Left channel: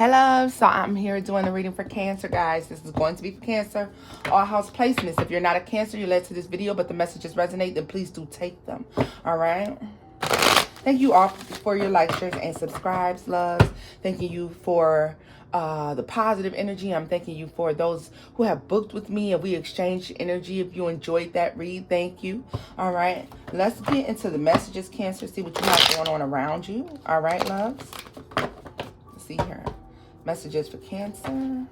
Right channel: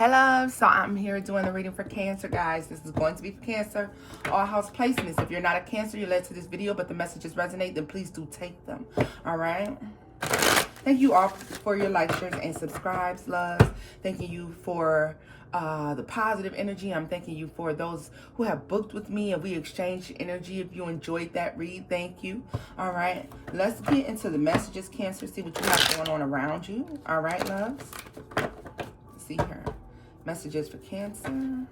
Hello, so I'm here doing the reading for Cancer, guys. This is going to be for Cancer. All house placements. If you're not a Cancer, you're led to this video, but the messages resonate, then please do take them. All right? Thank you all for your likes, shares, and subscribes, loves. Thanking you for the positive energy. I'm thanking you for those who have booked with me and we exchanged energy. If you enjoyed that read, thank you. All right, let's get into the messages, Cancer. See what you have going on around you. All right, loves. Let's see here. Messages for Cancer.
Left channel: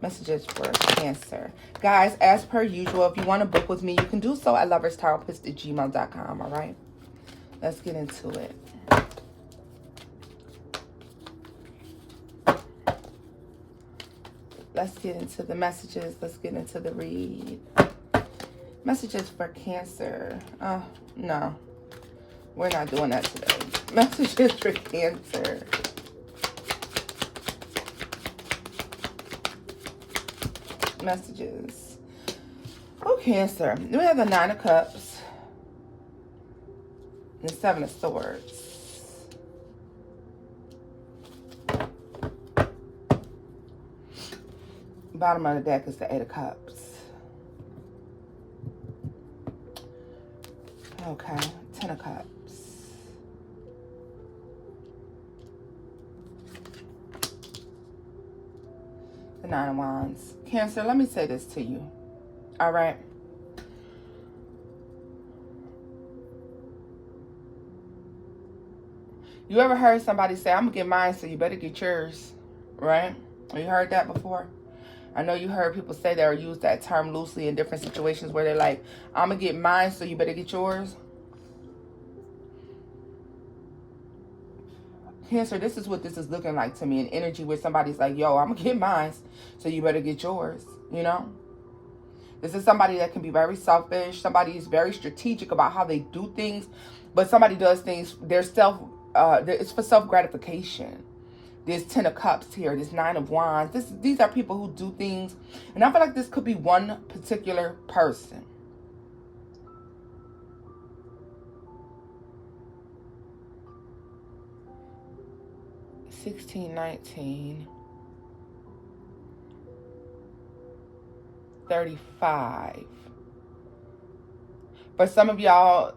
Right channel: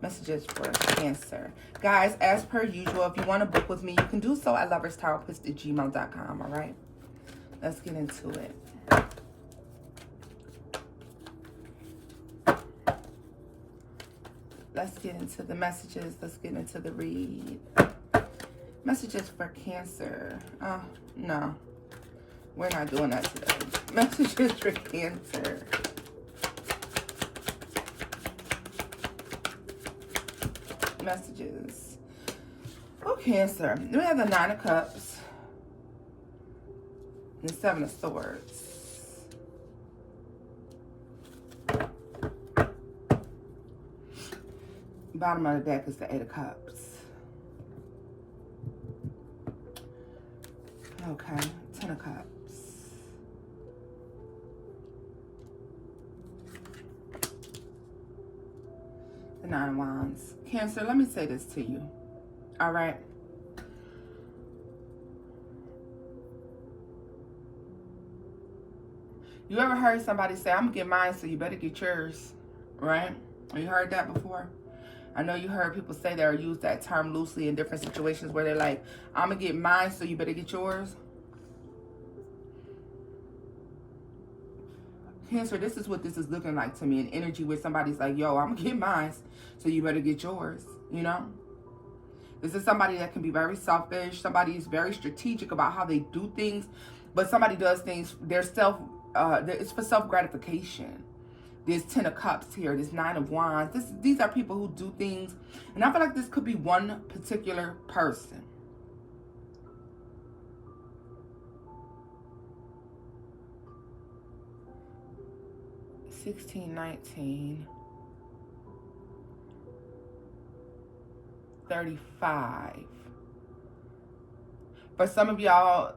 Messages for Cancer. Guys, as per usual, if you want to book with me, you can do so at loverstarotpist@gmail.com. All right, let's get into it. Let's get into the messages. Let's get into the read. Messages for Cancer. Oh, no. We're not doing that today. Messages for Cancer. Messages. Oh, Cancer. We have the Nine of Cups. And the Seven of Swords. Bottom of the deck is the Eight of Cups. Okay. Ten of Cups. The Nine of Wands. Cancer, let me say this to you. All right. You ever heard somebody say, I'm going to get mine, so you better get yours? Right? Have you heard that before? I know you heard people say that or use that term loosely in different situations where they're like, I'm going to get mine, so you better get yours. Cancer, this is what this is looking like to me. An energy where somebody's like, yo, I'm going to get mine, so you better get yours. You know? This is somebody that can be very selfish. Somebody is very strategic about how they do things. But somebody does things, it's for self-gratification. There's Ten of Cups here. There's Nine of Wands. These are people who do things. And I feel like this could be one particular person. $16, $19, $35. For some of y'all,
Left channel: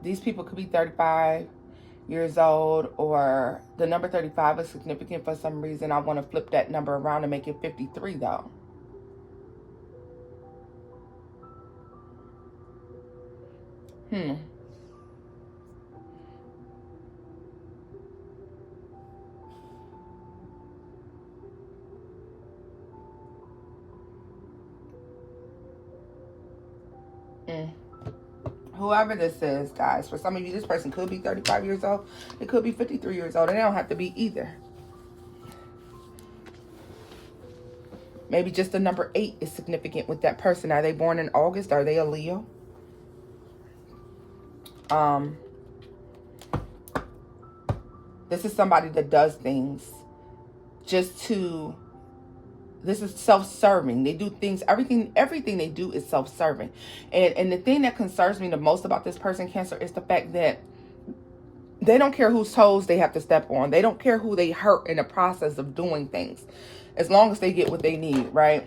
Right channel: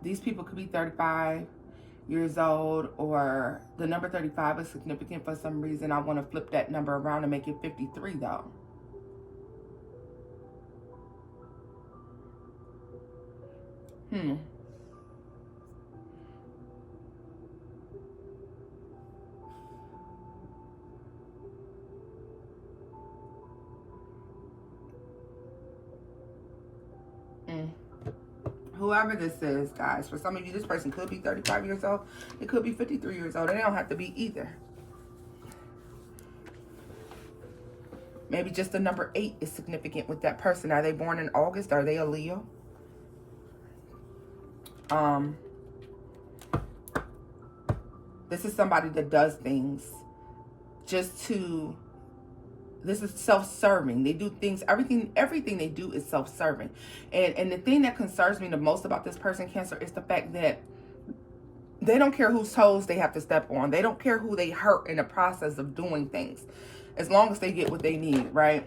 these people could be 35 years old, or the number 35 is significant for some reason. I want to flip that number around and make it 53 though. Whoever this is, guys, for some of you, this person could be 35 years old. It could be 53 years old. And they don't have to be either. Maybe just the number 8 is significant with that person. Are they born in August? Are they a Leo? This is somebody that does things just to... This is self-serving. They do things, everything they do is self-serving. And the thing that concerns me the most about this person, Cancer, is the fact that they don't care whose toes they have to step on. They don't care who they hurt in the process of doing things. As long as they get what they need, right?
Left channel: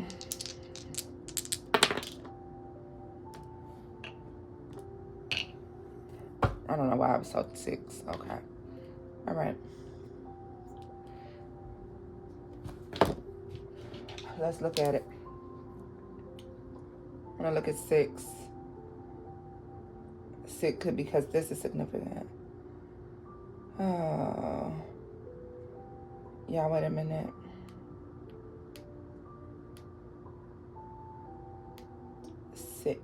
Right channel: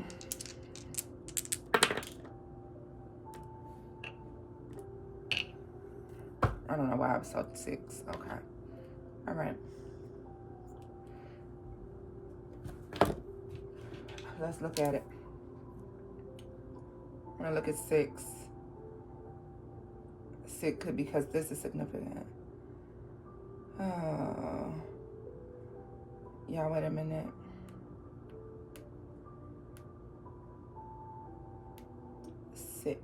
I don't know why I was so 6. Okay. All right. Let's look at it. I'm going to look at 6. 6 could, because this is significant. Oh. Yeah, wait a minute. 6.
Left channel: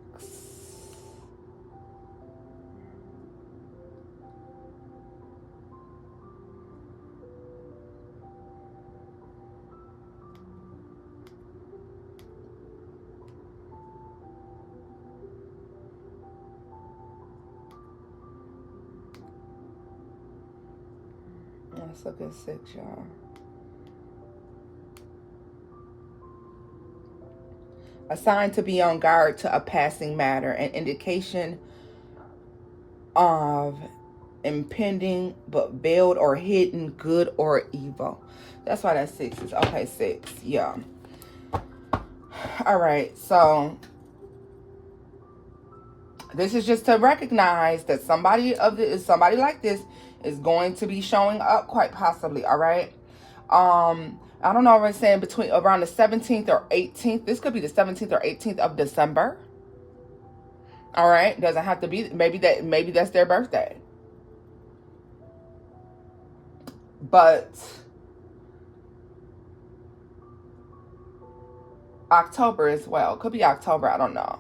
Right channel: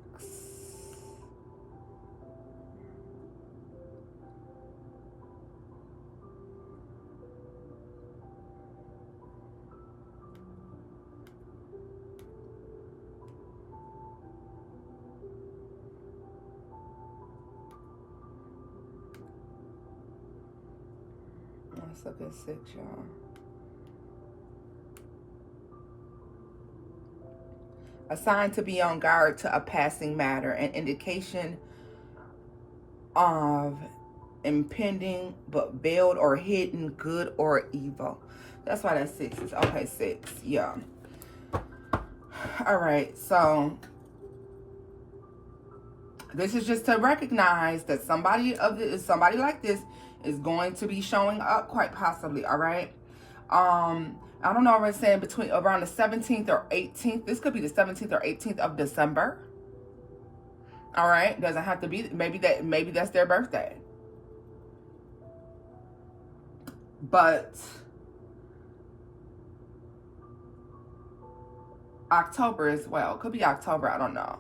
Let's look at 6, y'all. Assigned to be on guard to a passing matter, an indication of impending but veiled or hidden good or evil. That's why that 6 is okay. 6, yeah. All right, so this is just to recognize that somebody like this is going to be showing up, quite possibly. All right. I don't know if I'm saying between around the 17th or 18th. This could be the 17th or 18th of December. All right. Doesn't have to be. Maybe that's their birthday. But October as well. Could be October. I don't know.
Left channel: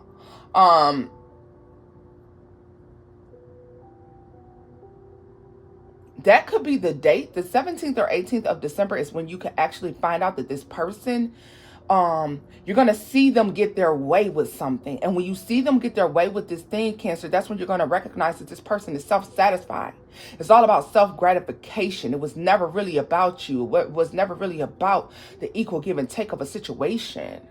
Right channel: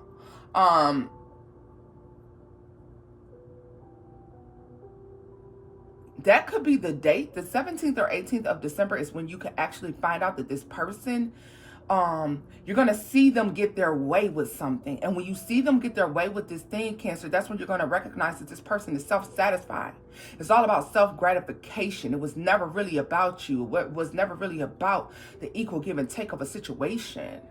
That could be the date. The 17th or 18th of December is when you can actually find out that this person, you're going to see them get their way with something. And when you see them get their way with this thing, Cancer, that's when you're going to recognize that this person is self-satisfied. It's all about self-gratification. It was never really about you. It was never really about the equal give and take of a situation.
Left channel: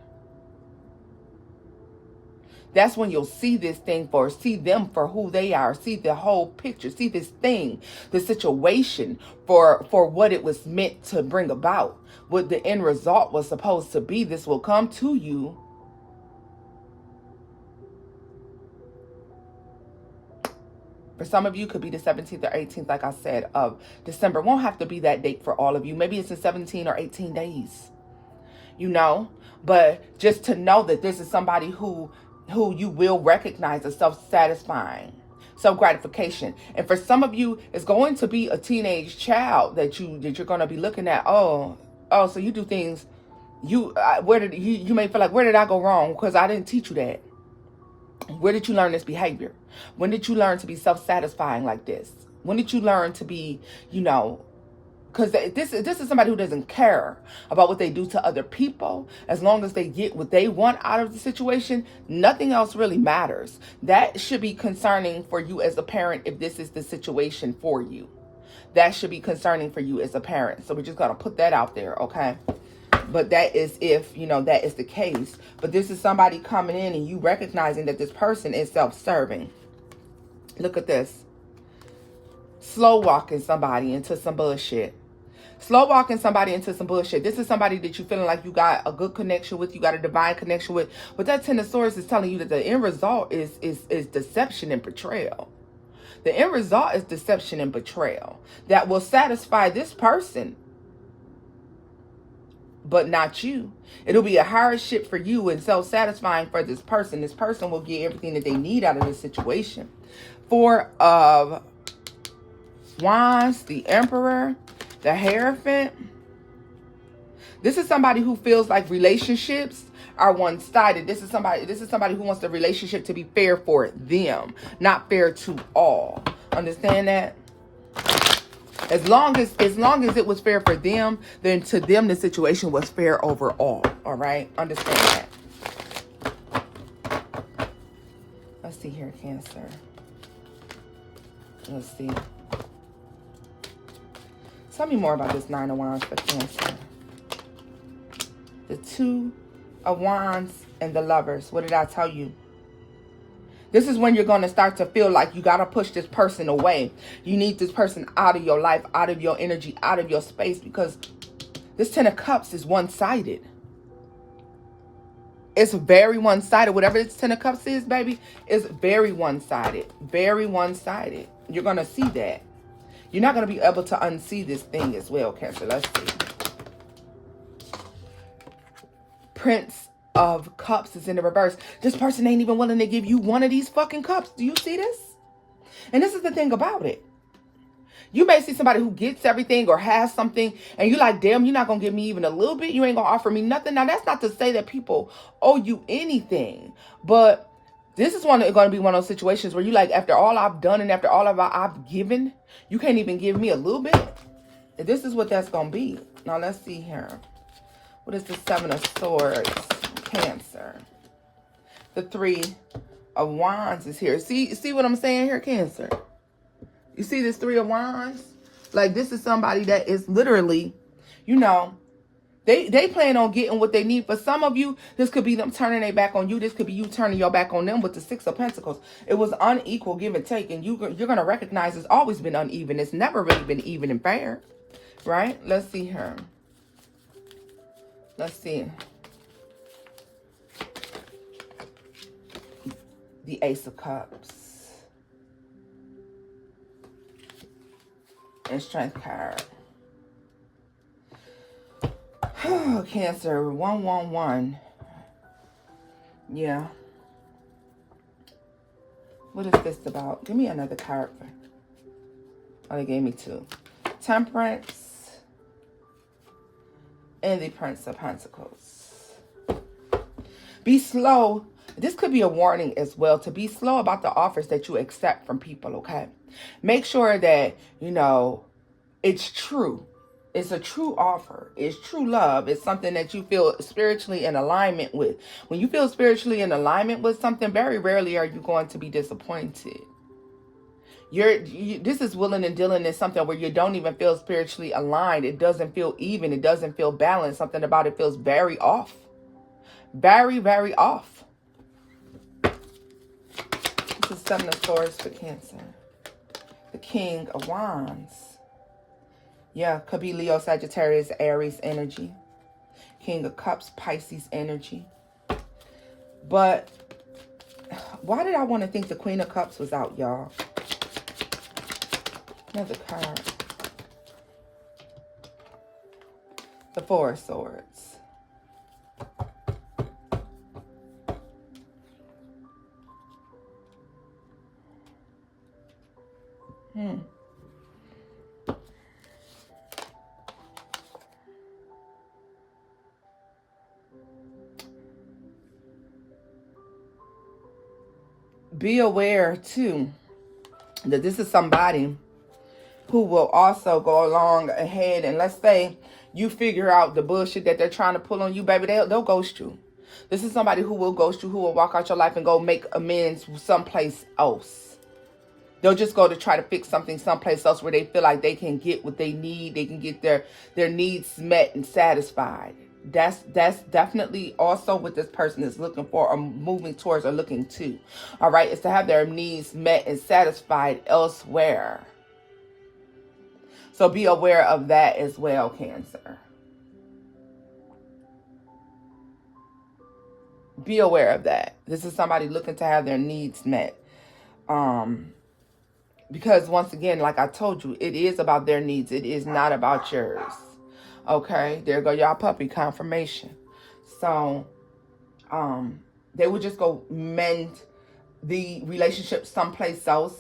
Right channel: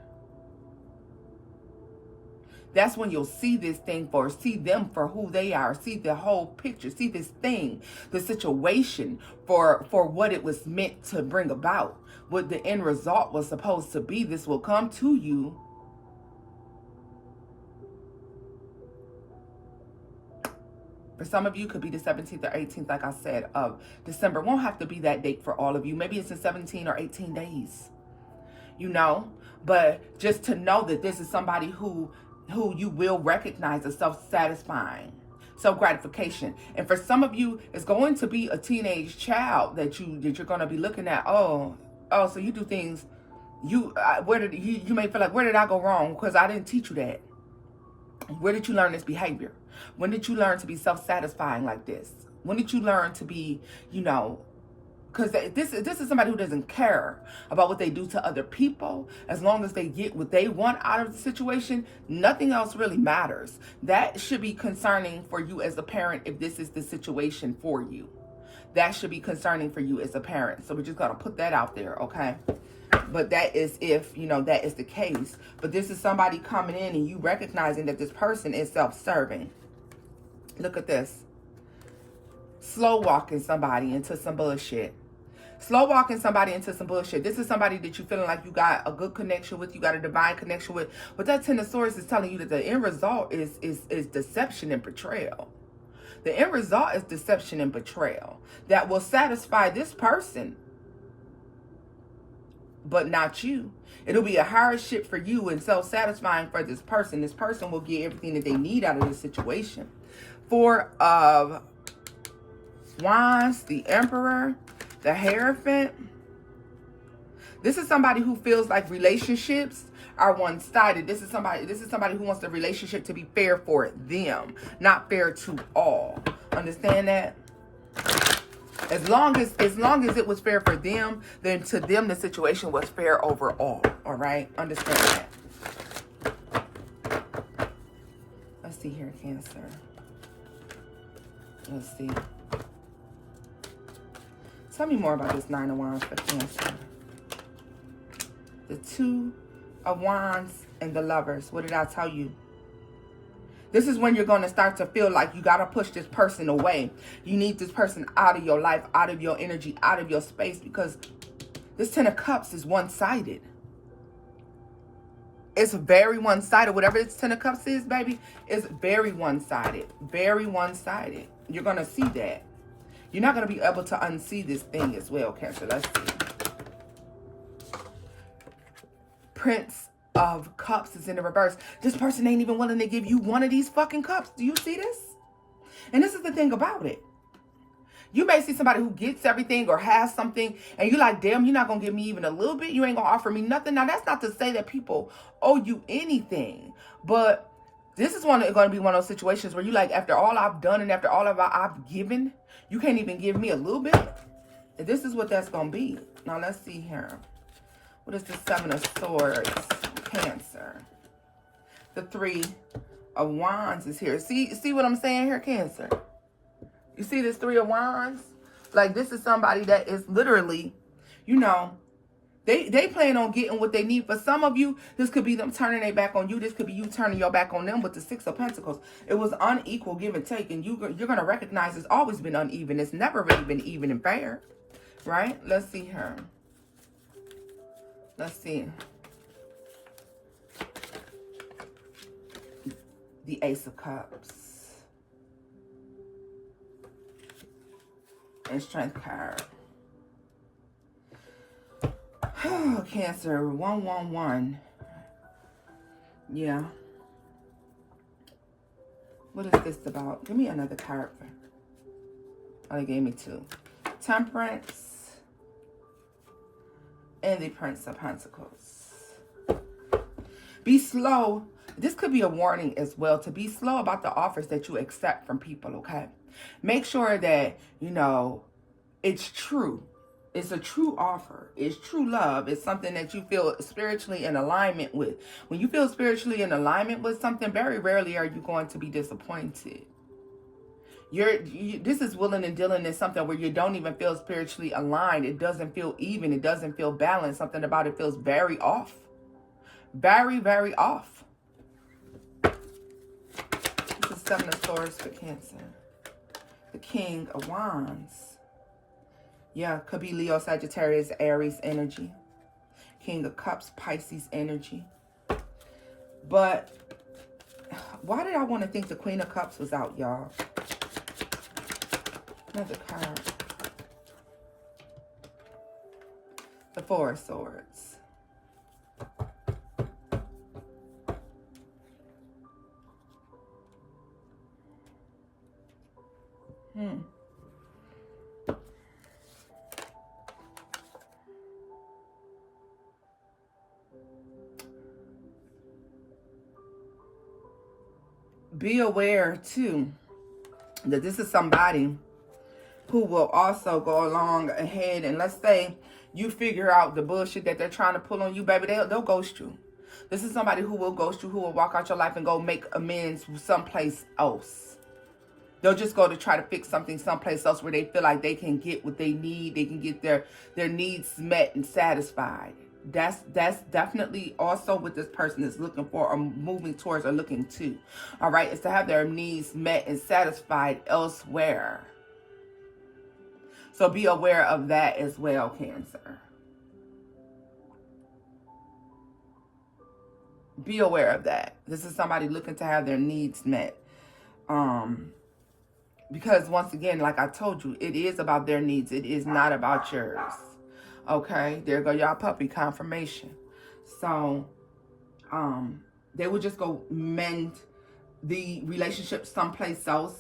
That's when you'll see this thing see them for who they are, see the whole picture, see this thing, the situation for what it was meant to bring about, what the end result was supposed to be. This will come to you. For some of you, it could be the 17th or 18th, like I said, of December. It won't have to be that date for all of you. Maybe it's in 17 or 18 days, you know. But just to know that this is somebody who you will recognize as self-satisfying, self-gratification. And for some of you, it's going to be a teenage child that you're going to be looking at. Oh, so you do things. You may feel like, where did I go wrong? Because I didn't teach you that. Where did you learn this behavior? When did you learn to be self-satisfying like this? When did you learn to be, you know, because this is somebody who doesn't care about what they do to other people. As long as they get what they want out of the situation, nothing else really matters. That should be concerning for you as a parent if this is the situation for you. That should be concerning for you as a parent. So we're just going to put that out there, okay? But that is if, you know, that is the case. But this is somebody coming in and you recognizing that this person is self-serving. Look at this. Slow walking somebody into some bullshit. Slow walking somebody into some bullshit. This is somebody that you're feeling like you got a good connection with, you got a divine connection with. But that Ten of Swords is telling you that the end result is deception and betrayal. The end result is deception and betrayal that will satisfy this person, but not you. It'll be a hardship for you and self-satisfying for this person. This person will get everything that they need out of this situation. 4 of Wands, the Emperor, the Hierophant. This is somebody who feels like relationships are one-sided. This is somebody who wants the relationship to be fair for them, not fair to all. Understand that? As long as it was fair for them, then to them the situation was fair overall. All right? Understand that. Let's see here, Cancer. Let's see. Tell me more about this 9 of Wands for Cancer. The 2 of Wands and the Lovers. What did I tell you? This is when you're going to start to feel like you got to push this person away. You need this person out of your life, out of your energy, out of your space, because this 10 of Cups is one-sided. It's very one-sided. Whatever this 10 of Cups is, baby, is very one-sided. Very one-sided. You're going to see that. You're not going to be able to unsee this thing as well, Cancer. Let's see. Prince of Cups is in the reverse. This person ain't even willing to give you one of these fucking cups. Do you see this? And this is the thing about it. You may see somebody who gets everything or has something, and you're like, damn, you're not going to give me even a little bit. You ain't going to offer me nothing. Now, that's not to say that people owe you anything, but this is going to be one of those situations where you like, after all I've done and after all I've given, you can't even give me a little bit. And this is what that's going to be. Now, let's see here. What is the 7 of Swords? Cancer. The 3 of Wands is here. See what I'm saying here, Cancer? You see this 3 of Wands? Like, this is somebody that is literally, you know, They plan on getting what they need. For some of you, this could be them turning their back on you. This could be you turning your back on them with the Six of Pentacles. It was unequal give and take, and you're going to recognize it's always been uneven. It's never really been even and fair, right? Let's see here. Let's see. The Ace of Cups. And Strength card. Oh, Cancer, 111. Yeah. What is this about? Give me another card. Oh, they gave me two. Temperance. And the Prince of Pentacles. Be slow. This could be a warning as well, to be slow about the offers that you accept from people, okay? Make sure that, you know, it's true. It's a true offer. It's true love. It's something that you feel spiritually in alignment with. When you feel spiritually in alignment with something, very rarely are you going to be disappointed. This is willing and dealing in something where you don't even feel spiritually aligned. It doesn't feel even. It doesn't feel balanced. Something about it feels very off. Very, very off. This is Seven of Swords for Cancer. The King of Wands. Yeah, could be Leo, Sagittarius, Aries energy. King of Cups, Pisces energy. But why did I want to think the Queen of Cups was out, y'all? Another card. The Four of Swords. Be aware, too, that this is somebody who will also go along ahead, and let's say you figure out the bullshit that they're trying to pull on you, baby, they'll ghost you. This is somebody who will ghost you, who will walk out your life and go make amends someplace else. They'll just go to try to fix something someplace else where they feel like they can get what they need. They can get their needs met and satisfied. That's definitely also what this person is looking for or moving towards or looking to. All right, is to have their needs met and satisfied elsewhere. So be aware of that as well, Cancer. Be aware of that. This is somebody looking to have their needs met. Because once again, like I told you, it is about their needs. It is not about yours. Okay, there go y'all puppy confirmation. So, they will just go mend the relationship someplace else.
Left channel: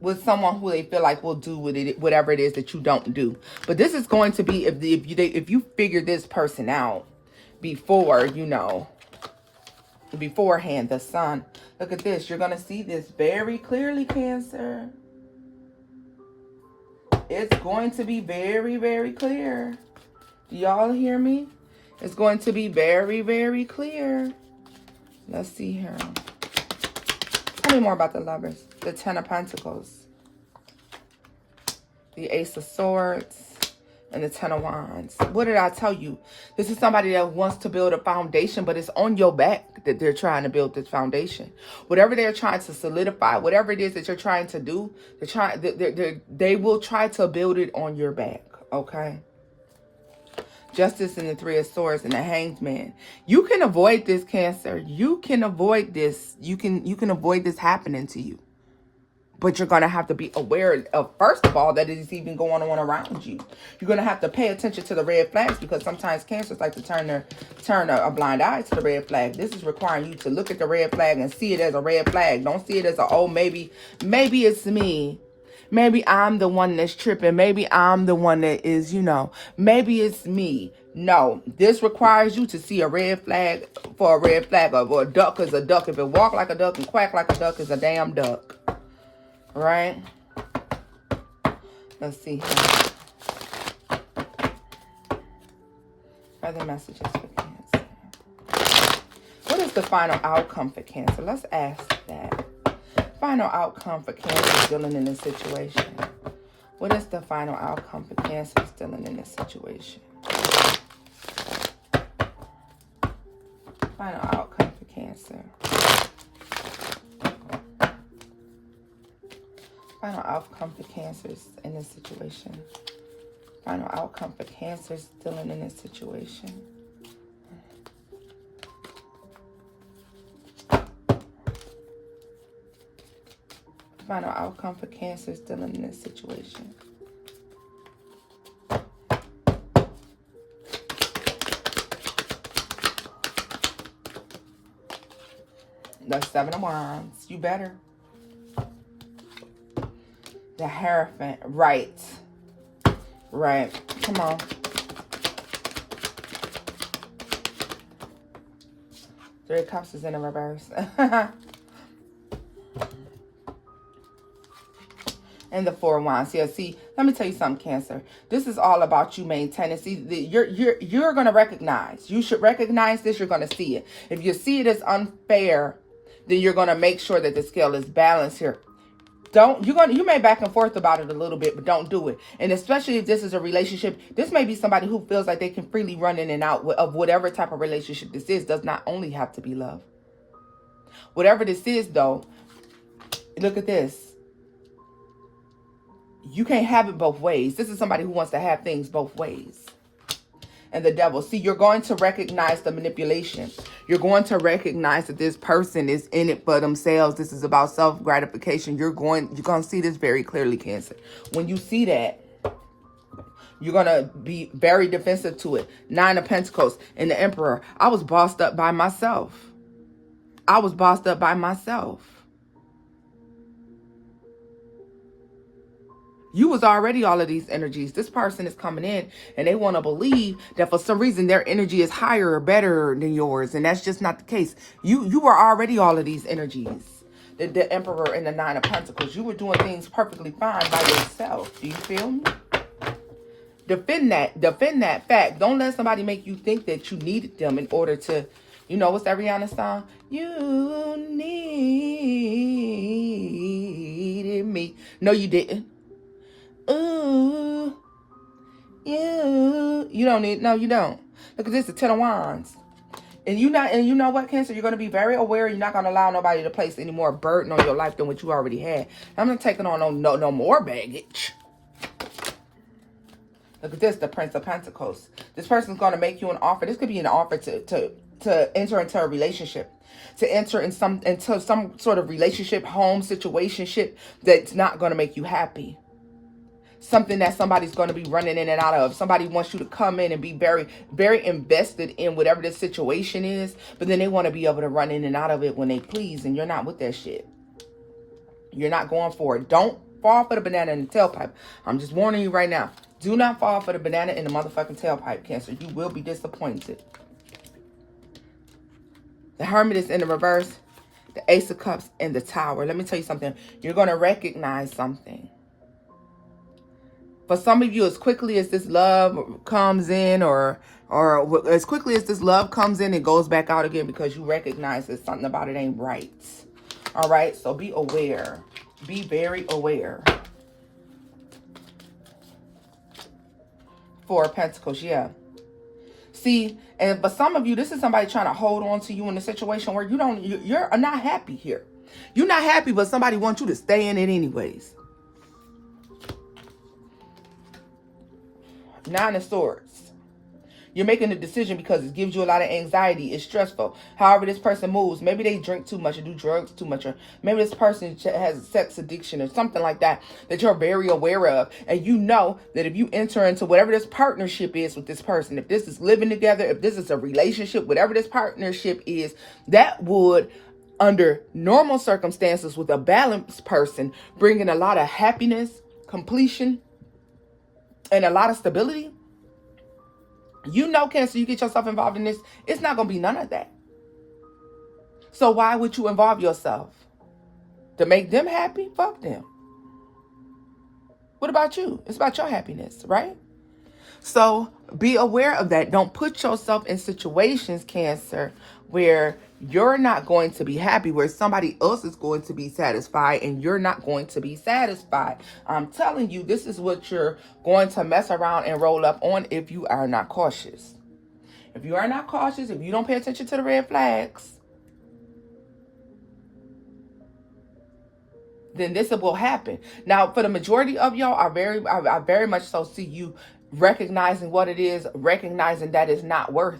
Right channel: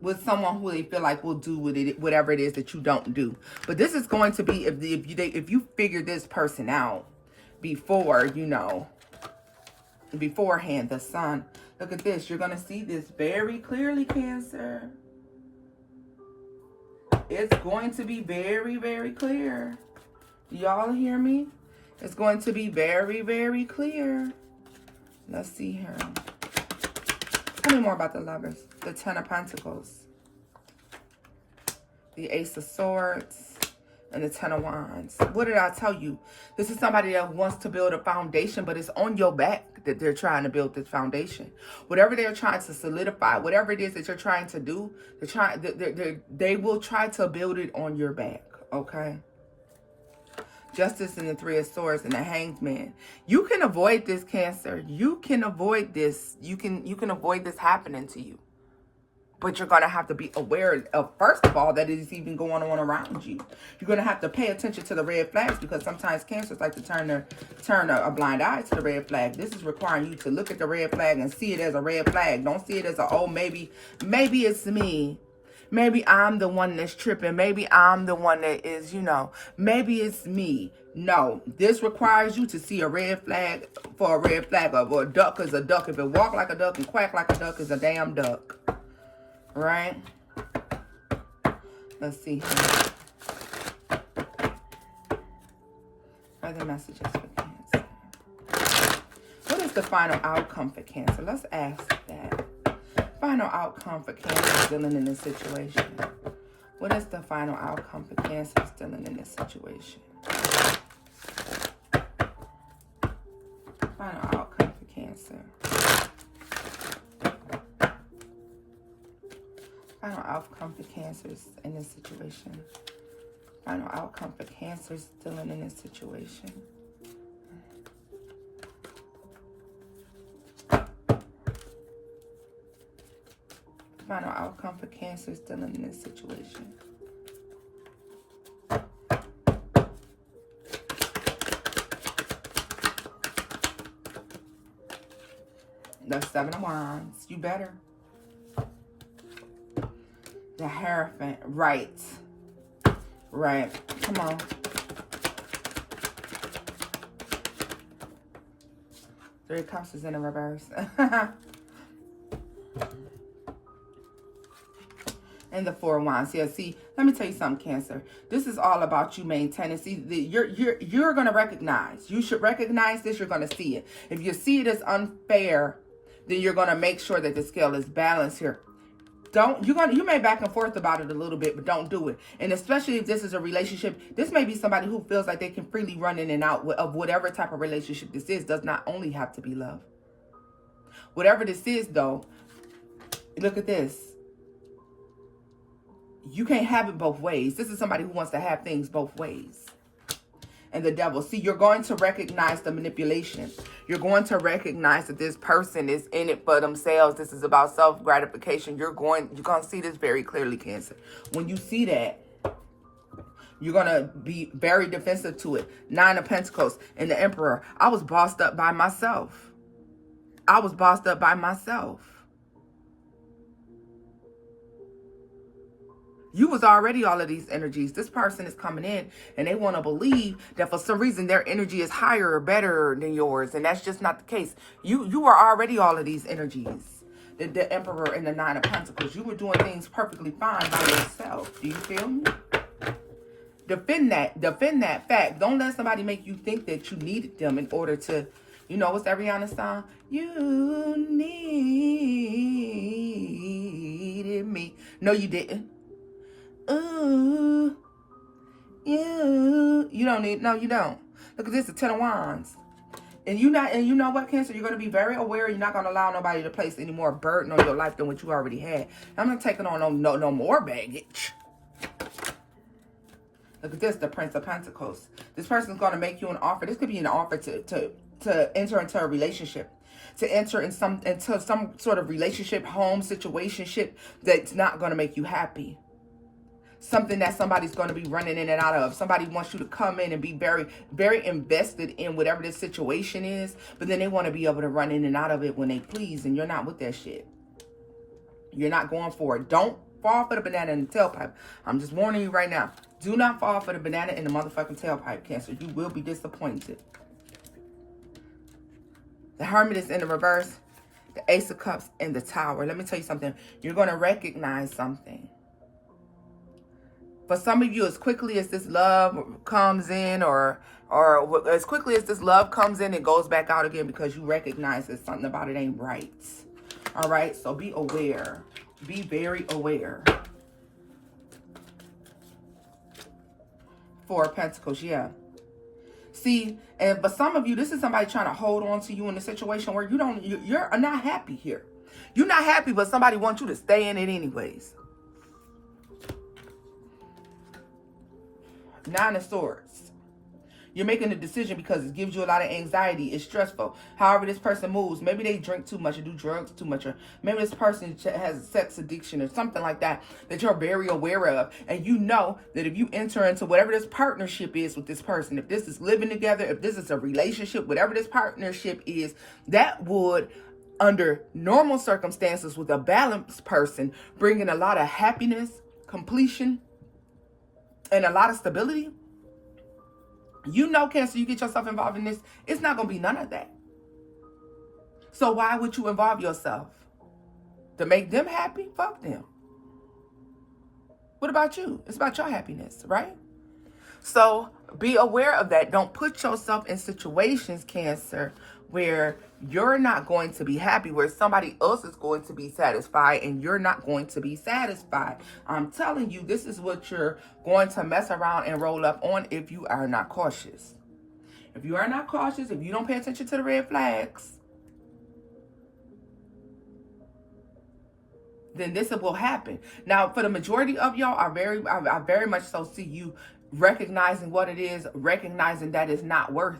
With someone who they feel like will do with it, whatever it is that you don't do. But this is going to be if you figure this person out before, you know, beforehand, the Sun. Look at this. You're going to see this very clearly, Cancer. It's going to be very, very clear. Do y'all hear me? It's going to be very, very clear. Let's see here. Tell me more about the Lovers. The Ten of Pentacles. The Ace of Swords. And the Ten of Wands. What did I tell you? This is somebody that wants to build a foundation, but it's on your back that they're trying to build this foundation. Whatever they're trying to solidify, whatever it is that you're trying to do, they will try to build it on your back, okay? Justice and the Three of Swords and the Hanged Man. You can avoid this, Cancer. You can avoid this. You can avoid this happening to you. But you're going to have to be aware of, first of all, that it is even going on around you. You're going to have to pay attention to the red flags, because sometimes Cancers like to turn a blind eye to the red flag. This is requiring you to look at the red flag and see it as a red flag. Don't see it as oh, maybe it's me. Maybe I'm the one that's tripping. Maybe I'm the one that is, you know, maybe it's me. No, this requires you to see a red flag for a red flag, or a duck is a duck. If it walk like a duck and quack like a duck, is a damn duck. Right? Let's see here. Other messages for Cancer. What is the final outcome for Cancer? Let's ask that. Final outcome for Cancer dealing in this situation. What is the final outcome for Cancer dealing in this situation? Final outcome for Cancer. Final outcome for Cancers in this situation. Final outcome for Cancers dealing in this situation. Final outcome for Cancers dealing in this situation. The Seven of Wands. You better. The Hierophant. Right. Right. Come on. Three of Cups is in the reverse. And the Four of Wands. Yeah, see, let me tell you something, Cancer. This is all about you maintaining. See, you're going to recognize. You should recognize this. You're going to see it. If you see it as unfair, then you're going to make sure that the scale is balanced here. You may back and forth about it a little bit, but don't do it. And especially if this is a relationship, this may be somebody who feels like they can freely run in and out of whatever type of relationship this is. Does not only have to be love. Whatever this is, though, look at this. You can't have it both ways. This is somebody who wants to have things both ways. And the Devil. See, you're going to recognize the manipulation. You're going to recognize that this person is in it for themselves. This is about self-gratification. You're going to see this very clearly, Cancer. When you see that, you're going to be very defensive to it. Nine of Pentacles and the Emperor. I was bossed up by myself. I was bossed up by myself. You was already all of these energies. This person is coming in and they want to believe that for some reason their energy is higher or better than yours. And that's just not the case. You were already all of these energies. The Emperor and the Nine of Pentacles. You were doing things perfectly fine by yourself. Do you feel me? Defend that fact. Don't let somebody make you think that you needed them in order to, you know, what's that Rihanna song? You needed me. No, you didn't. Ooh, you don't need, no, you don't. Look at this, the Ten of Wands. And you know what, Cancer? You're going to be very aware. You're not going to allow nobody to place any more burden on your life than what you already had. I'm not taking on no more baggage. Look at this, the Prince of Pentacles. This person's going to make you an offer. This could be an offer to enter into a relationship. To enter into some sort of relationship, home, situationship that's not going to make you happy. Something that somebody's going to be running in and out of. Somebody wants you to come in and be very, very invested in whatever this situation is. But then they want to be able to run in and out of it when they please. And you're not with that shit. You're not going for it. Don't fall for the banana in the tailpipe. I'm just warning you right now. Do not fall for the banana in the motherfucking tailpipe, Cancer. You will be disappointed. The Hermit is in the reverse. The Ace of Cups and the Tower. Let me tell you something. You're going to recognize something. For some of you, as quickly as this love comes in or as quickly as this love comes in, it goes back out again because you recognize that something about it ain't right. All right? So be aware. Be very aware. Four of Pentacles, yeah. See, and for some of you, this is somebody trying to hold on to you in a situation where you're not happy here. You're not happy, but somebody wants you to stay in it anyways. Nine of Swords. You're making a decision because it gives you a lot of anxiety. It's stressful. However this person moves, maybe they drink too much or do drugs too much, or maybe this person has a sex addiction or something like that you're very aware of. And you know that if you enter into whatever this partnership is with this person, if this is living together, if this is a relationship, whatever this partnership is, that would, under normal circumstances with a balanced person, bring in a lot of happiness, completion, and a lot of stability. You know, Cancer, you get yourself involved in this, it's not going to be none of that. So why would you involve yourself? To make them happy? Fuck them. What about you? It's about your happiness, right? So be aware of that. Don't put yourself in situations, Cancer, where you're not going to be happy, where somebody else is going to be satisfied and you're not going to be satisfied. I'm telling you, this is what you're going to mess around and roll up on if you are not cautious. If you are not cautious, if you don't pay attention to the red flags, then this will happen. Now, for the majority of y'all, I very much so see you recognizing what it is, recognizing that it's not worth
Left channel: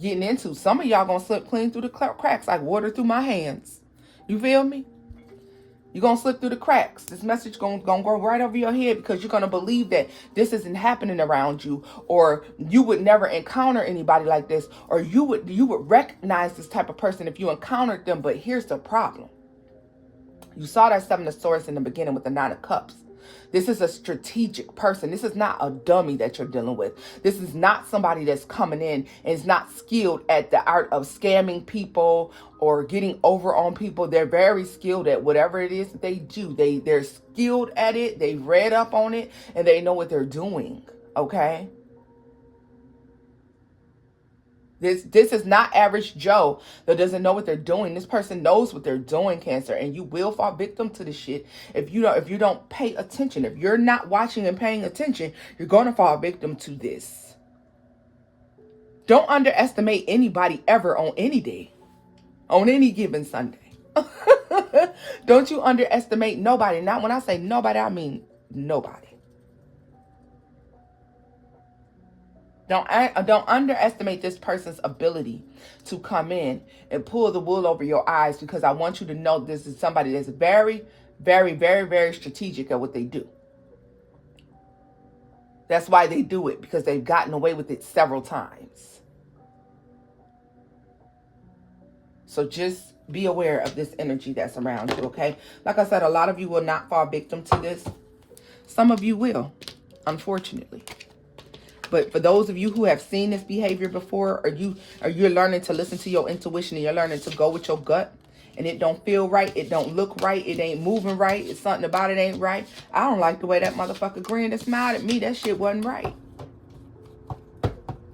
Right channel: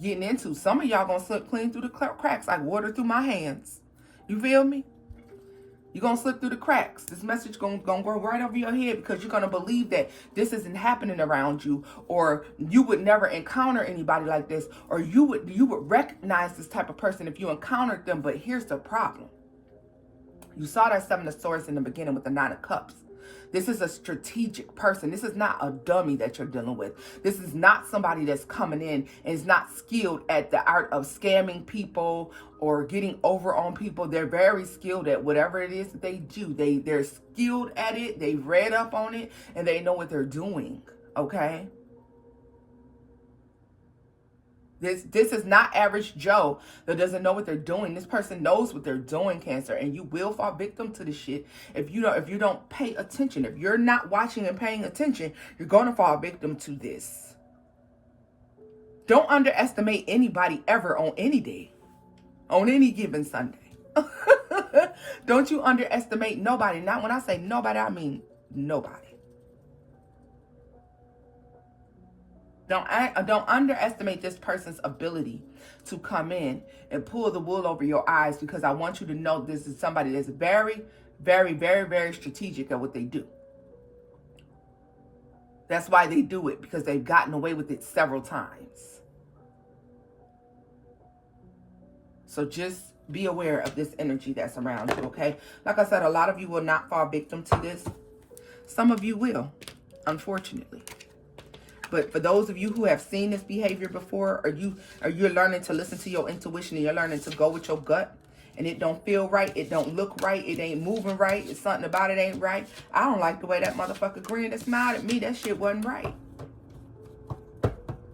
getting into. Some of y'all gonna slip clean through the cracks like water through my hands. You feel me? You're gonna slip through the cracks. This message gonna go right over your head because you're gonna believe that this isn't happening around you, or you would never encounter anybody like this, or you would recognize this type of person if you encountered them. But here's the problem. You saw that Seven of Swords in the beginning with the Nine of Cups. This is a strategic person. This is not a dummy that you're dealing with. This is not somebody that's coming in and is not skilled at the art of scamming people or getting over on people. They're very skilled at whatever it is that they do. They're skilled at it. They've read up on it and they know what they're doing. Okay? This is not average Joe that doesn't know what they're doing. This person knows what they're doing, Cancer, and you will fall victim to this shit if you don't pay attention. If you're not watching and paying attention, you're going to fall victim to this. Don't underestimate anybody ever on any day, on any given Sunday. Don't you underestimate nobody. Now, when I say nobody, I mean nobody. Don't underestimate this person's ability to come in and pull the wool over your eyes, because I want you to know this is somebody that's very, very, very, very strategic at what they do. That's why they do it, because they've gotten away with it several times. So just be aware of this energy that's around you, okay? Like I said, a lot of you will not fall victim to this. Some of you will, unfortunately. But for those of you who have seen this behavior before, or you're learning to listen to your intuition and you're learning to go with your gut, and it don't feel right, it don't look right, it ain't moving right, it's something about it ain't right. I don't like the way that motherfucker grinned and smiled at me. That shit wasn't right.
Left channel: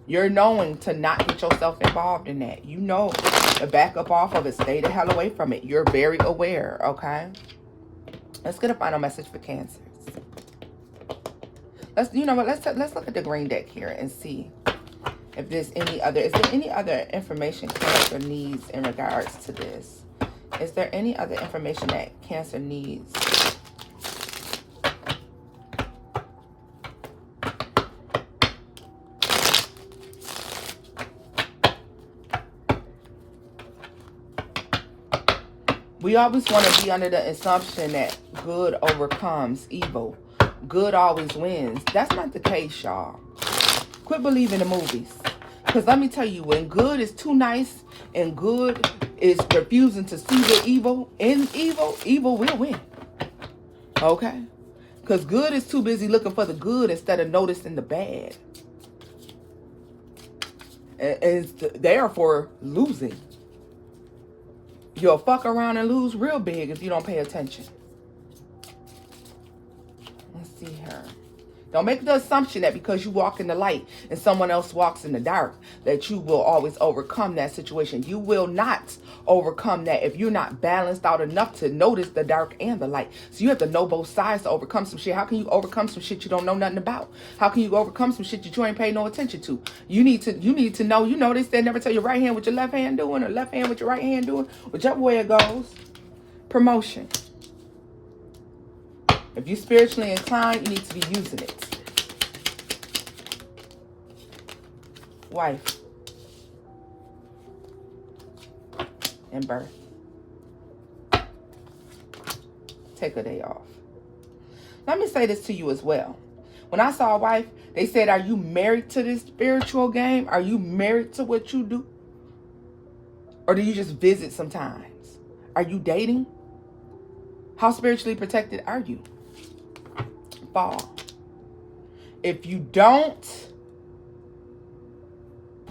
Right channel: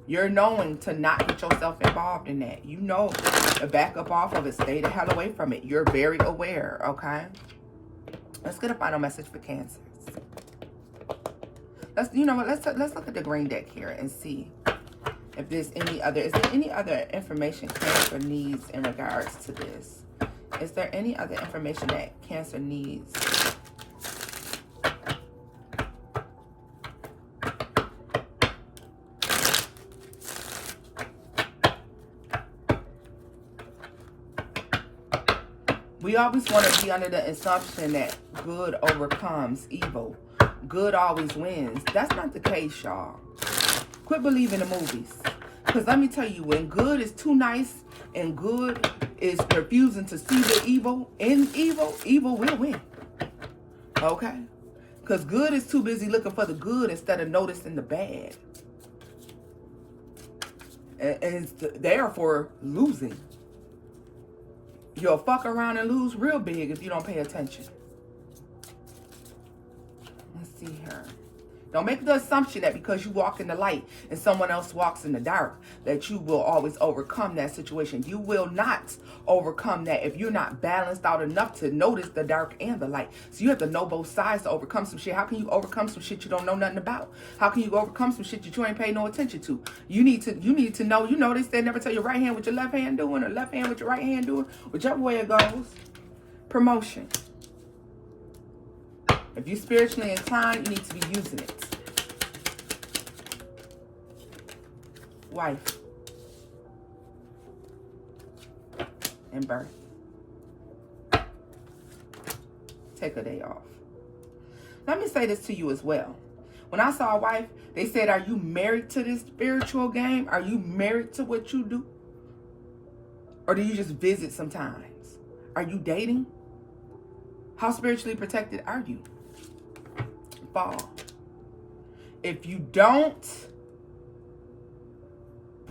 You're knowing to not get yourself involved in that. You know to back up off of it. Stay the hell away from it. You're very aware, okay? Let's get a final message for Cancers. Let's look at the green deck here and see if there's is there any other information Cancer needs in regards to this? Is there any other information that Cancer needs? We always want to be under the assumption that good overcomes evil. Good always wins. That's not the case, y'all. Quit believing the movies. Because let me tell you, when good is too nice and good is refusing to see the evil in evil, evil will win. Okay? Because good is too busy looking for the good instead of noticing the bad. And it's therefore losing. You'll fuck around and lose real big if you don't pay attention. Let's see here. Don't make the assumption that because you walk in the light and someone else walks in the dark, that you will always overcome that situation. You will not overcome that if you're not balanced out enough to notice the dark and the light. So you have to know both sides to overcome some shit. How can you overcome some shit you don't know nothing about? How can you overcome some shit that you ain't pay no attention to? You need to know, they say never tell your right hand what your left hand doing or left hand what your right hand doing, whichever way it goes. Promotion. If you're spiritually inclined, you need to be using it. Wife. And birth. Take a day off. Let me say this to you as well. When I saw a wife, they said, are you married to this spiritual game? Are you married to what you do? Or do you just visit sometimes? Are you dating? How spiritually protected are you? Fall. If you don't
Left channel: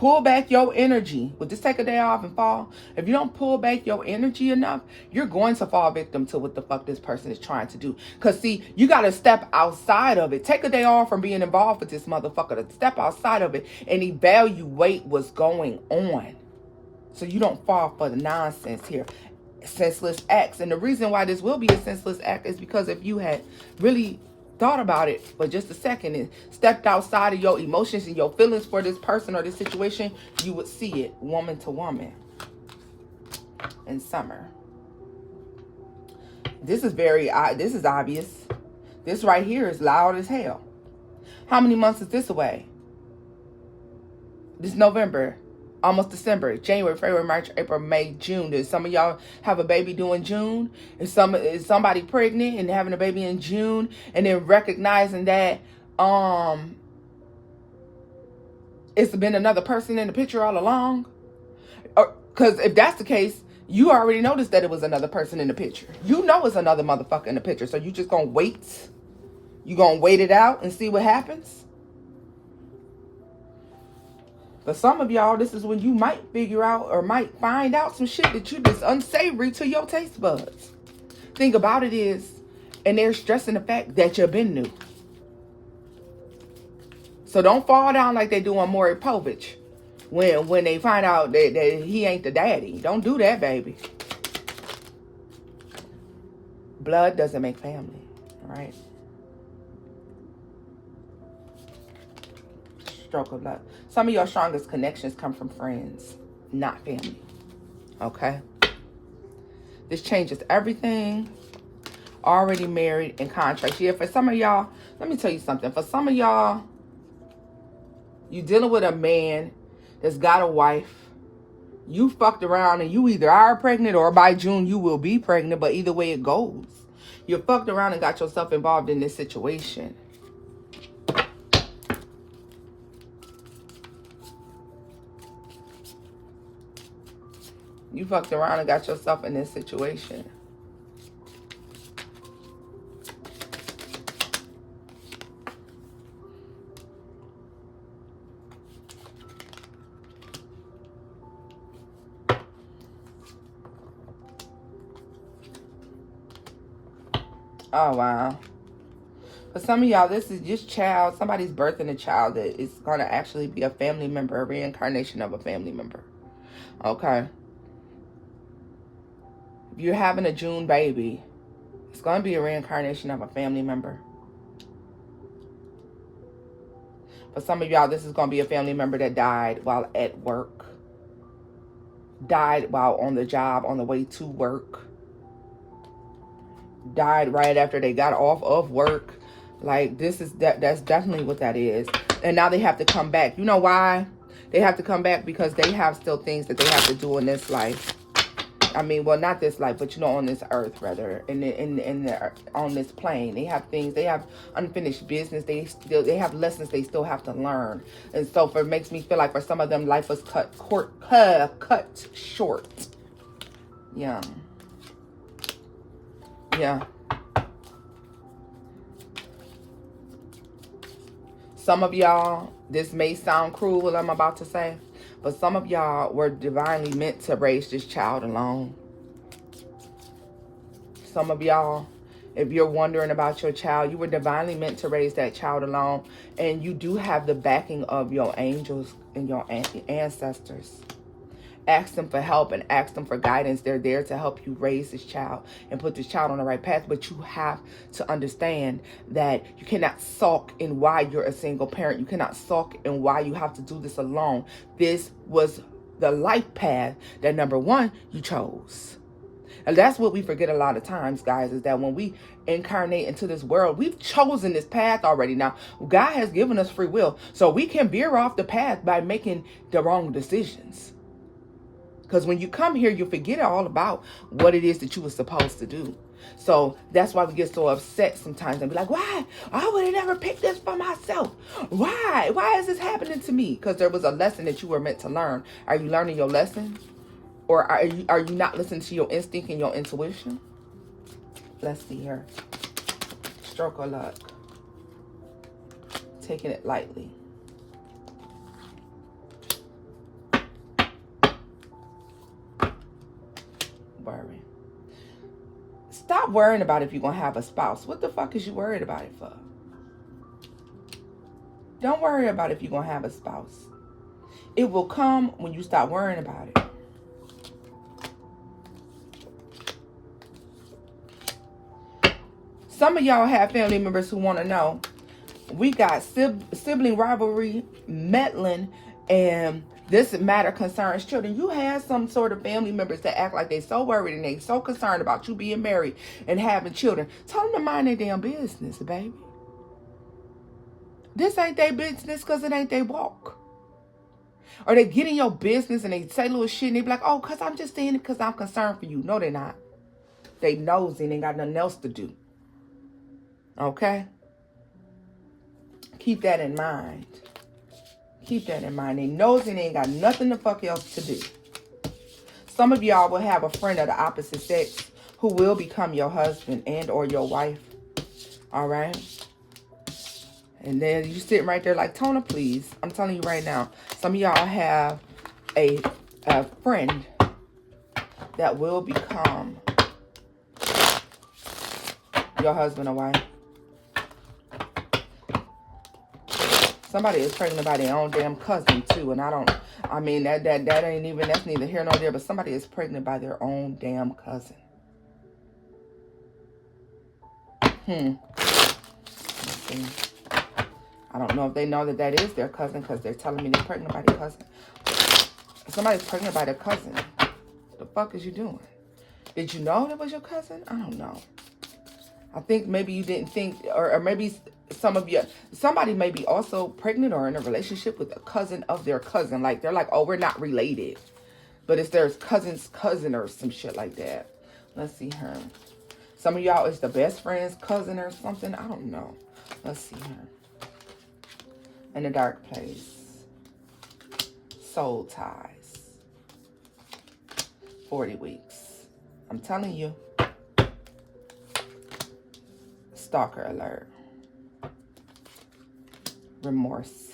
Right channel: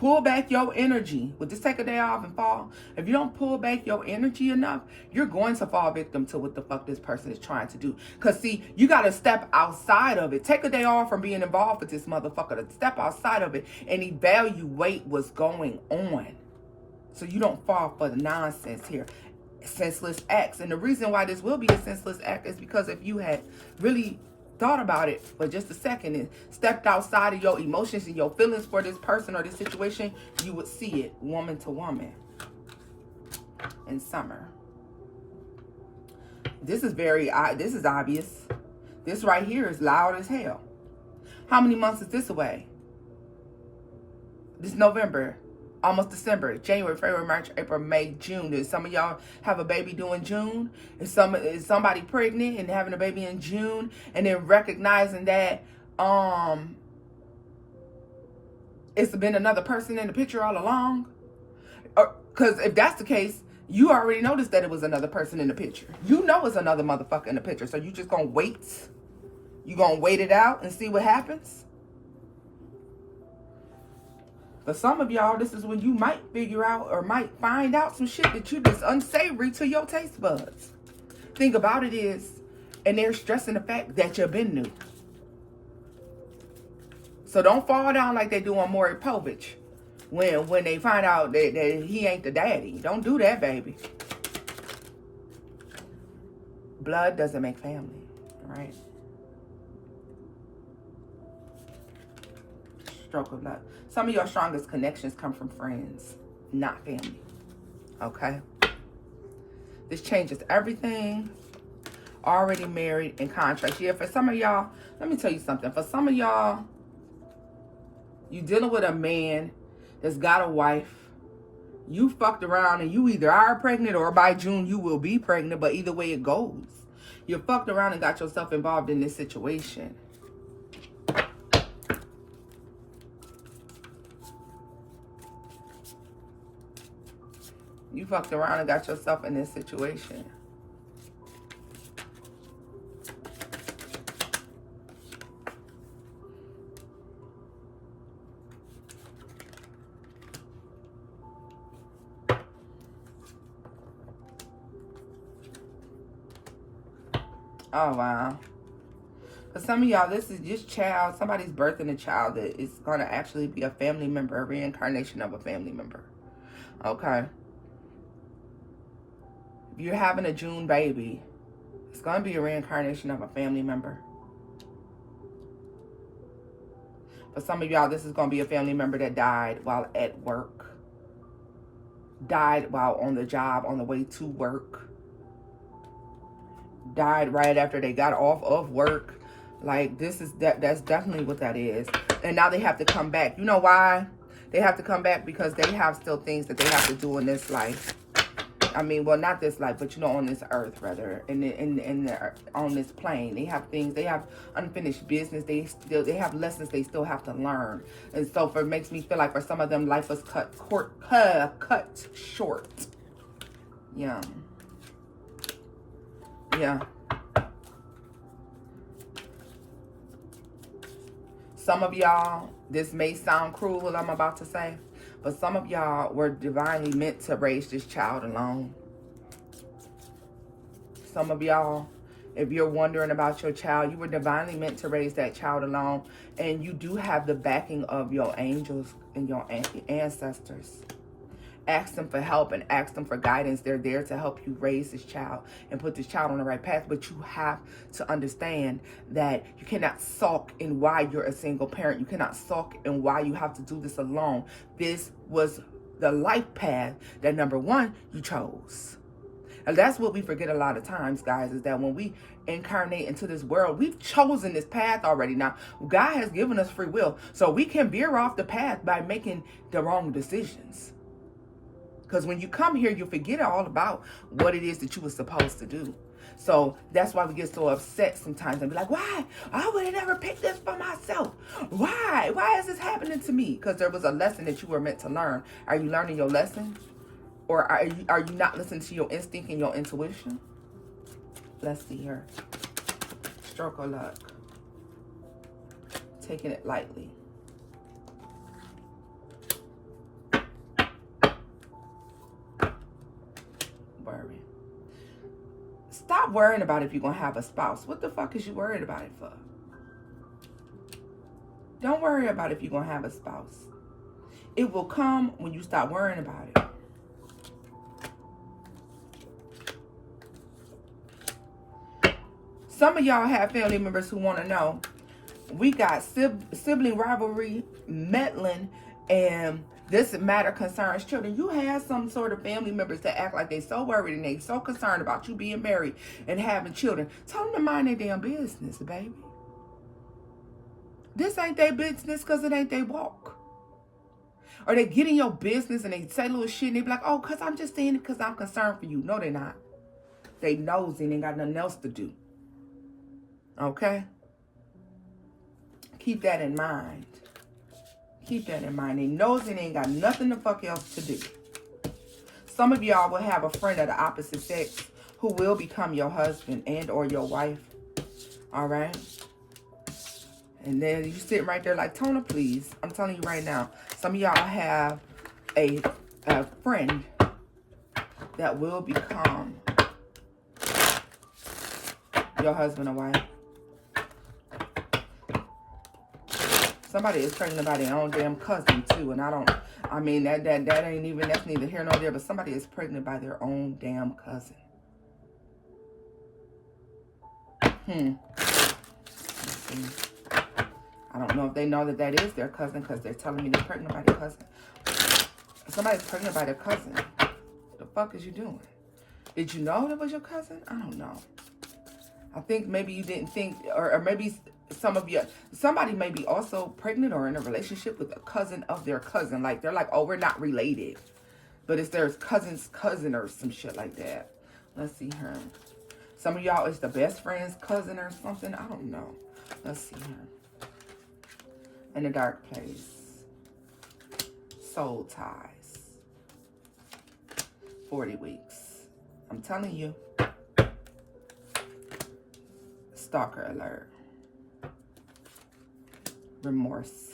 pull back your energy, well, just take a day off and fall. If you don't pull back your energy enough, you're going to fall victim to what the fuck this person is trying to do. Because, see, you got to step outside of it. Take a day off from being involved with this motherfucker. To step outside of it and evaluate what's going on, so you don't fall for the nonsense here. Senseless acts. And the reason why this will be a senseless act is because if you had really thought about it for just a second and stepped outside of your emotions and your feelings for this person or this situation, you would see it woman to woman in summer. This is this is obvious. This right here is loud as hell. How many months is this away? This November, almost December, January, February, March, April, May, June. Does some of y'all have a baby due in June? Is somebody pregnant and having a baby in June, and then recognizing that it's been another person in the picture all along? Because if that's the case, you already noticed that it was another person in the picture. You know it's another motherfucker in the picture. So you just gonna wait? You gonna wait it out and see what happens? For some of y'all, this is when you might figure out or might find out some shit that you just unsavory to your taste buds. Thing about it is, and they're stressing the fact that you've been new. So don't fall down like they do on Maury Povich when they find out that he ain't the daddy. Don't do that, baby. Blood doesn't make family, right? Stroke of luck. Some of your strongest connections come from friends, not family. Okay? This changes everything. Already married in contracts. Yeah, for some of y'all, let me tell you something. For some of y'all, you dealing with a man that's got a wife. You fucked around and you either are pregnant or by June you will be pregnant, but either way it goes. You fucked around and got yourself involved in this situation. You fucked around and got yourself in this situation. Oh, wow. For some of y'all, this is just child. Somebody's birthing a child that is going to actually be a family member, a reincarnation of a family member. Okay. If you're having a June baby, it's going to be a reincarnation of a family member. For some of y'all, this is going to be a family member that died while at work. Died while on the job, on the way to work. Died right after they got off of work. Like, that's definitely what that is. And now they have to come back. You know why? They have to come back because they have still things that they have to do in this life. I mean, well, not this life, but you know, on this earth, rather, on this plane, they have things. They have unfinished business. They have lessons they still have to learn. And so, it makes me feel like for some of them, life was cut short. Yeah. Yeah. Some of y'all, this may sound cruel what I'm about to say, but some of y'all were divinely meant to raise this child alone. Some of y'all, if you're wondering about your child, you were divinely meant to raise that child alone. And you do have the backing of your angels and your ancestors. Ask them for help and ask them for guidance. They're there to help you raise this child and put this child on the right path. But you have to understand that you cannot sulk in why you're a single parent. You cannot sulk in why you have to do this alone. This was the life path that, number one, you chose. And that's what we forget a lot of times, guys, is that when we incarnate into this world, we've chosen this path already. Now, God has given us free will, so we can veer off the path by making the wrong decisions. Because when you come here, you forget all about what it is that you were supposed to do. So that's why we get so upset sometimes and be like, why? I would have never picked this for myself. Why? Why is this happening to me? Because there was a lesson that you were meant to learn. Are you learning your lesson? Or are you not listening to your instinct and your intuition? Let's see here. Stroke of luck. Taking it lightly. Stop worrying about if you're going to have a spouse. What the fuck is you worried about it for? Don't worry about if you're going to have a spouse. It will come when you stop worrying about it. Some of y'all have family members who want to know. We got sibling rivalry, meddling, and this matter concerns children. You have some sort of family members that act like they so worried and they so concerned about you being married and having children. Tell them to mind their damn business, baby. This ain't their business because it ain't their walk. Or they get in your business and they say little shit and they be like, oh, because I'm just saying it because I'm concerned for you. No, they're not. They nosy and ain't got nothing else to do. Okay? Keep that in mind. Keep that in mind. They nosy and they ain't got nothing the fuck else to do. Some of y'all will have a friend of the opposite sex who will become your husband and or your wife. All right? And then you sitting right there like, Tona, please. I'm telling you right now. Some of y'all have a friend that will become your husband or wife. Somebody is pregnant by their own damn cousin too. And I mean, that ain't even, that's neither here nor there. But somebody is pregnant by their own damn cousin. Let's see. I don't know if they know that is their cousin because they're telling me they're pregnant by their cousin. If somebody's pregnant by their cousin, what the fuck is you doing? Did you know that was your cousin? I don't know. I think maybe you didn't think, or maybe somebody may be also pregnant or in a relationship with a cousin of their cousin. Like, they're like, oh, we're not related. But it's their cousin's cousin or some shit like that. Let's see her. Some of y'all is the best friend's cousin or something. I don't know. Let's see her. In a dark place. Soul ties. 40 weeks. I'm telling you. Stalker alert. Remorse.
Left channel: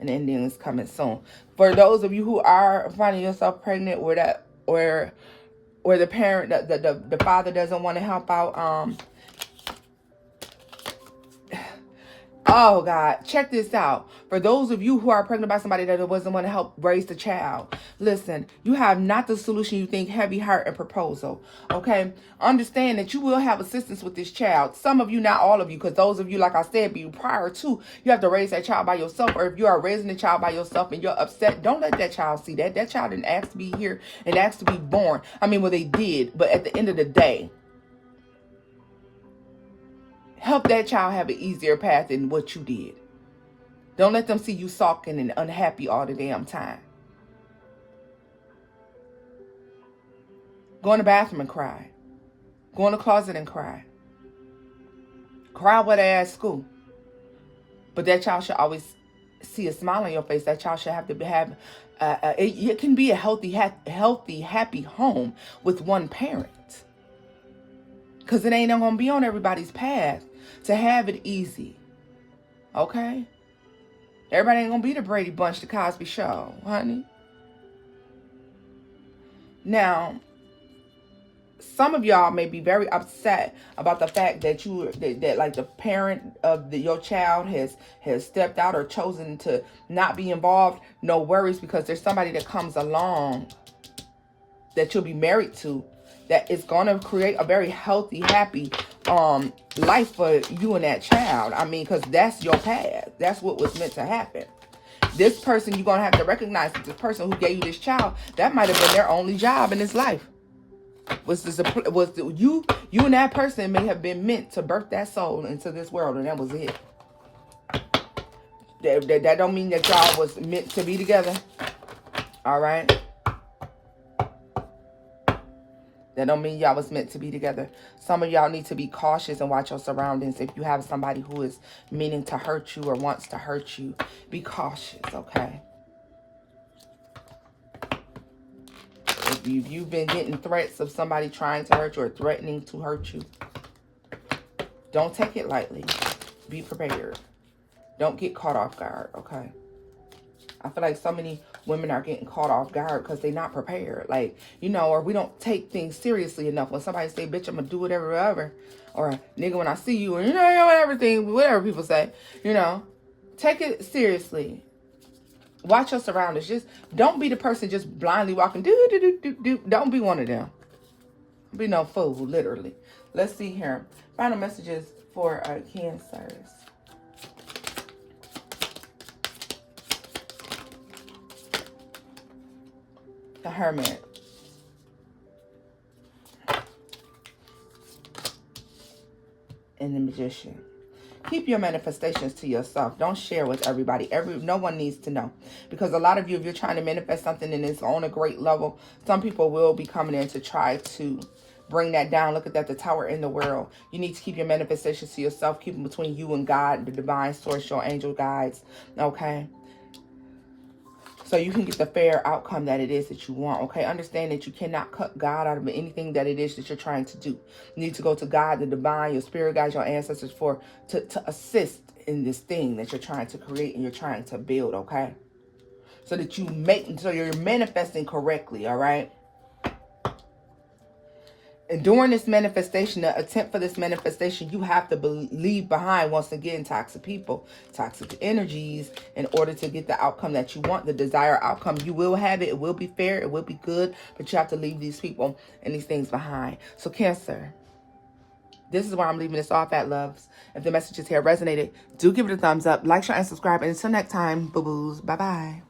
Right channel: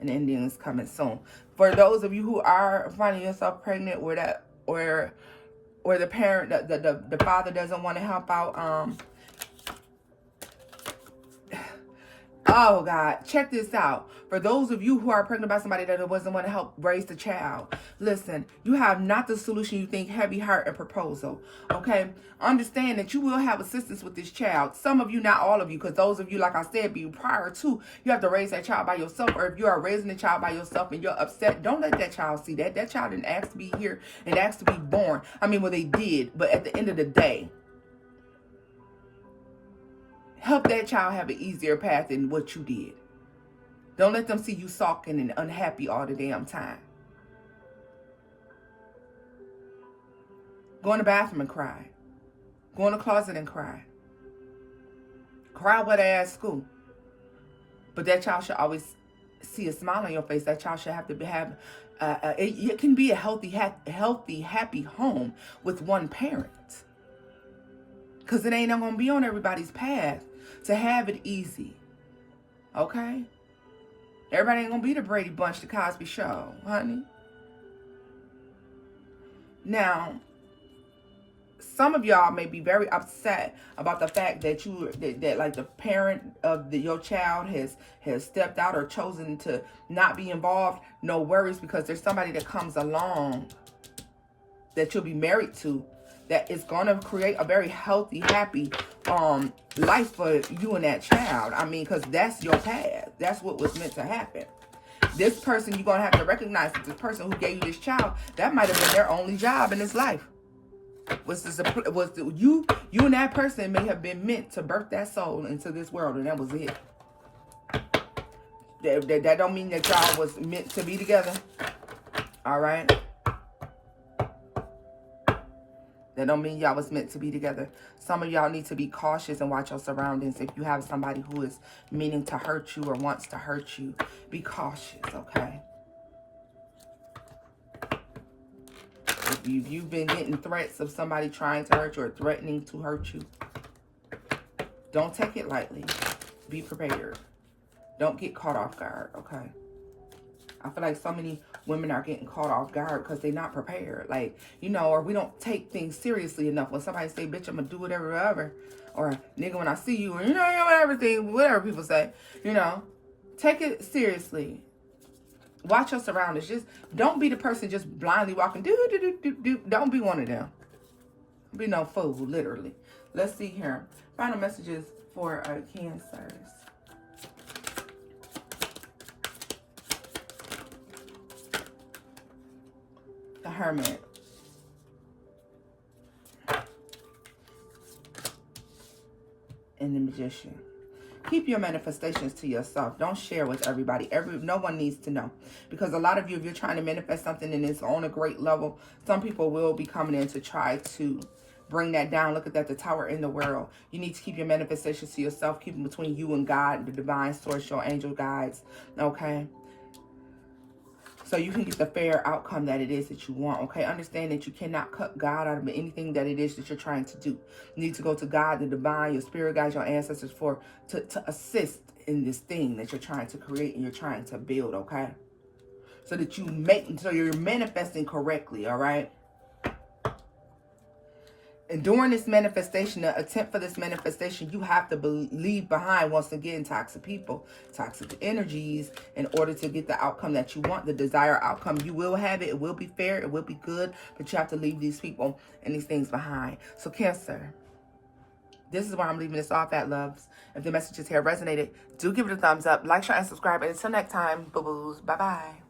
An ending is coming soon. For those of you who are finding yourself pregnant or the parent, the father doesn't want to help out, oh, God, check this out. For those of you who are pregnant by somebody that doesn't want to help raise the child, listen, you have not the solution you think, heavy heart and proposal, okay? Understand that you will have assistance with this child. Some of you, not all of you, because those of you, like I said, prior to, you have to raise that child by yourself, or if you are raising the child by yourself and you're upset, don't let that child see that. That child didn't ask to be here and asked to be born. I mean, well, they did, but at the end of the day, help that child have an easier path than what you did. Don't let them see you sulking and unhappy all the damn time. Go in the bathroom and cry. Go in the closet and cry. Cry with ass school. But that child should always see a smile on your face. That child should have to have, it can be a healthy, happy home with one parent. Because it ain't going to be on everybody's path to have it easy. Okay? Everybody ain't going to be the Brady Bunch, the Cosby Show, honey. Now, some of y'all may be very upset about the fact that like the parent of your child has stepped out or chosen to not be involved. No worries, because there's somebody that comes along that you'll be married to that is going to create a very healthy, happy life for you and that child. I mean, because that's your path. That's what was meant to happen. This person, you're going to have to recognize that this person who gave you this child, that might have been their only job in this life. You and that person may have been meant to birth that soul into this world, and that was it. That don't mean that y'all was meant to be together. All right? That don't mean y'all was meant to be together. Some of y'all need to be cautious and watch your surroundings. If you have somebody who is meaning to hurt you or wants to hurt you, be cautious, okay? If you've been getting threats of somebody trying to hurt you or threatening to hurt you, don't take it lightly. Be prepared. Don't get caught off guard, okay? I feel like so many women are getting caught off guard because they're not prepared. Like, you know, or we don't take things seriously enough. When somebody say, bitch, I'm going to do whatever, whatever. Or, nigga, when I see you, or, you know, everything, whatever people say, you know. Take it seriously. Watch your surroundings. Just don't be the person just blindly walking. Don't be one of them. Be no fool, literally. Let's see here. Final messages for Cancers. The Hermit. And the Magician. Keep your manifestations to yourself. Don't share with everybody. No one needs to know. Because a lot of you, if you're trying to manifest something and it's on a great level, some people will be coming in to try to bring that down. Look at that, the tower in the world. You need to keep your manifestations to yourself. Keep them between you and God, the divine source, your angel guides. Okay? So you can get the fair outcome that it is that you want, okay? Understand that you cannot cut God out of anything that it is that you're trying to do. You need to go to God, the divine, your spirit guides, your ancestors to assist in this thing that you're trying to create and you're trying to build, okay? So that so you're manifesting correctly, all right? And during this manifestation, the attempt for this manifestation, you have to leave behind, once again, toxic people, toxic energies, in order to get the outcome that you want, the desired outcome. You will have it. It will be fair. It will be good. But you have to leave these people and these things behind. So, Cancer, this is where I'm leaving this off at, loves. If the messages here resonated, do give it a thumbs up, like, share, and subscribe. And until next time, boo-boos, bye-bye.